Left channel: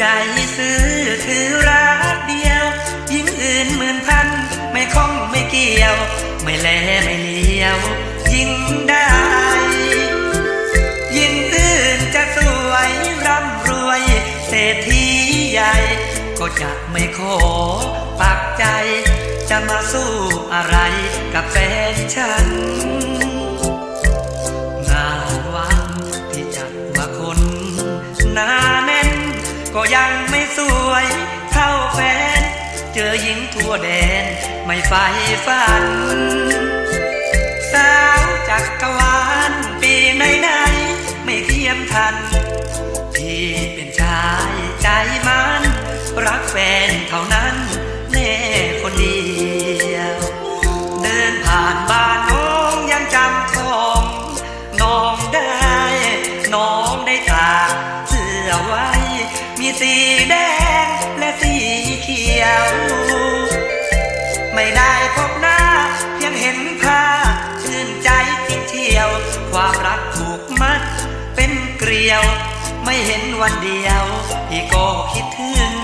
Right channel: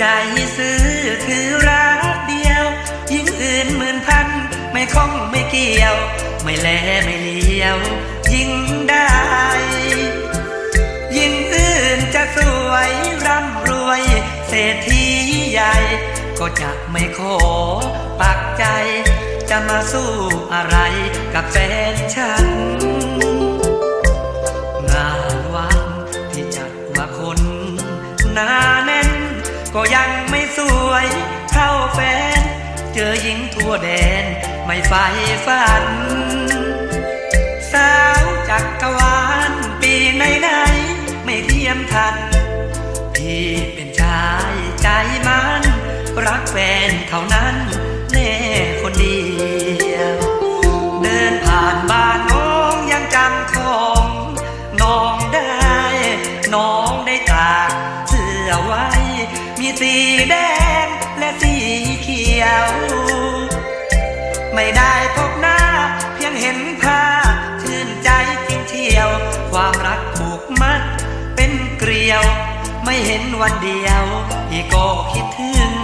ใจซื้อคือรักเดียว ยิ่งอื่นหมื่นพัน ไม่คล้องไม่เกี่ยว ไม่แลไม่เลี้ยว ยิ่งได้ ยิ่งอื่นจะสวยร่ำรวย เศรษฐีใหญ่ ก็จะไม่ขอปักใจ จะมาสู้อะไรกับแฟนฉัน ก็ยังไม่สวยเท่าแฟน เจอหญิงทั่วแดนไม่ไฟฝัน สาวจักกรวาลปีไหนไหนไม่เทียมทัน ที่เป็นชายใจมัน รักแฟนเท่านั้นแม่คนเดียว เดินผ่านบ้านน้องยังจำของน้องได้ น้องได้ตากเสื้อไว้ มีสีแดงและสีเขียว ไม่ได้พบหน้าเพียงเห็นภาพชื่นใจจริงเที่ยว ความรักผูกมัดเป็นเกลียว ไม่เห็นวันเดียวพี่ก็คิดถึง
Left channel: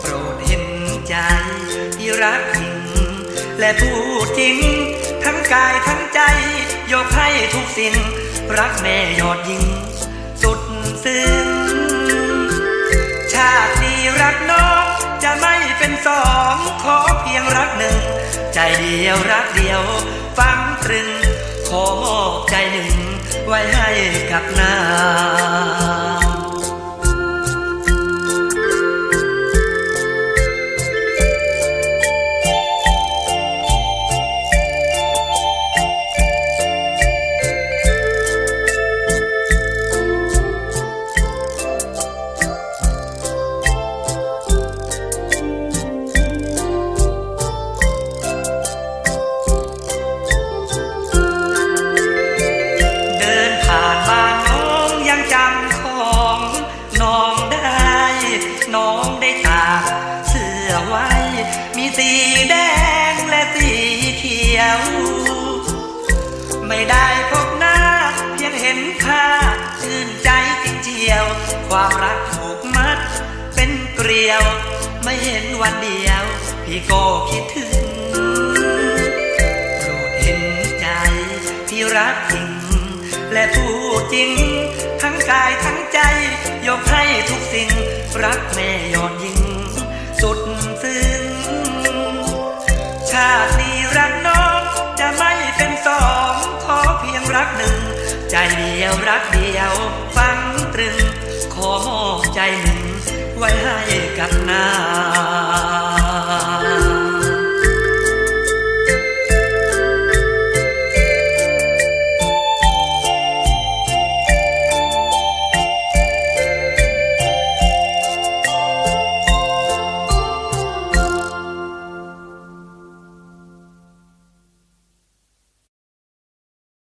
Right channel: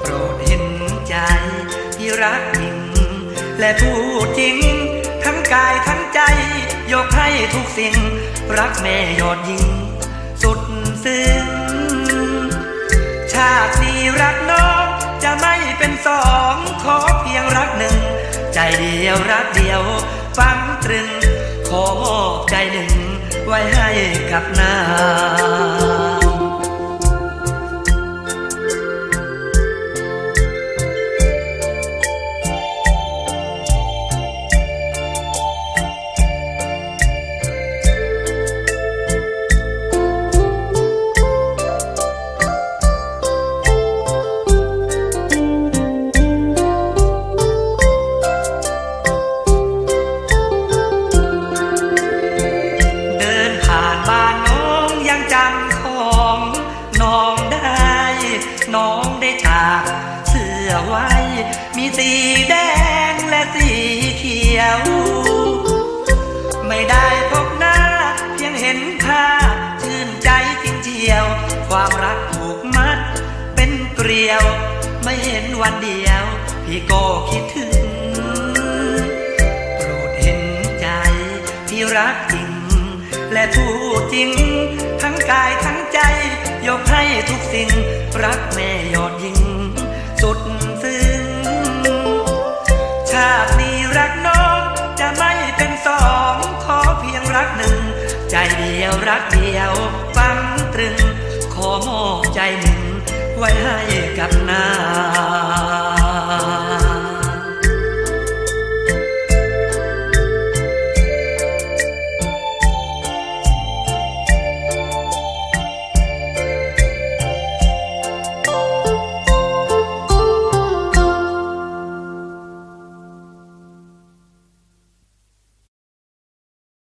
โปรดเห็นใจที่รัก และพูดจริง ทั้งกายทั้งใจ ยกให้ทุกสิ่ง รักแม่ยอดยิง สองขอเพียงรักหนึ่ง ใจเดียวรักเดียว ฟังตรึง ขอมอบใจหนึ่ง ไว้ให้กับนาง มีสีแดงและสีเขียว ไม่ได้พบหน้าเพียงเห็นค่าชื่นใจจริงเจียว ความรักผูกมัด เป็นเกลียว ไม่เห็นวันเดียว พี่ก็คิดถึงโปรดเห็นใจที่รักจริง และพูดจริง ทั้งกายทั้งใจ ยกให้ทุกสิ่ง รักแม่ยอดยิง สุดซึ้ง ชาติมีรักน้อง จะไม่เป็นสองขอเพียงรักหนึ่ง ใจเดียวรักเดียวฟังตรึง ขอมอบใจหนึ่ง ไว้ให้กับนา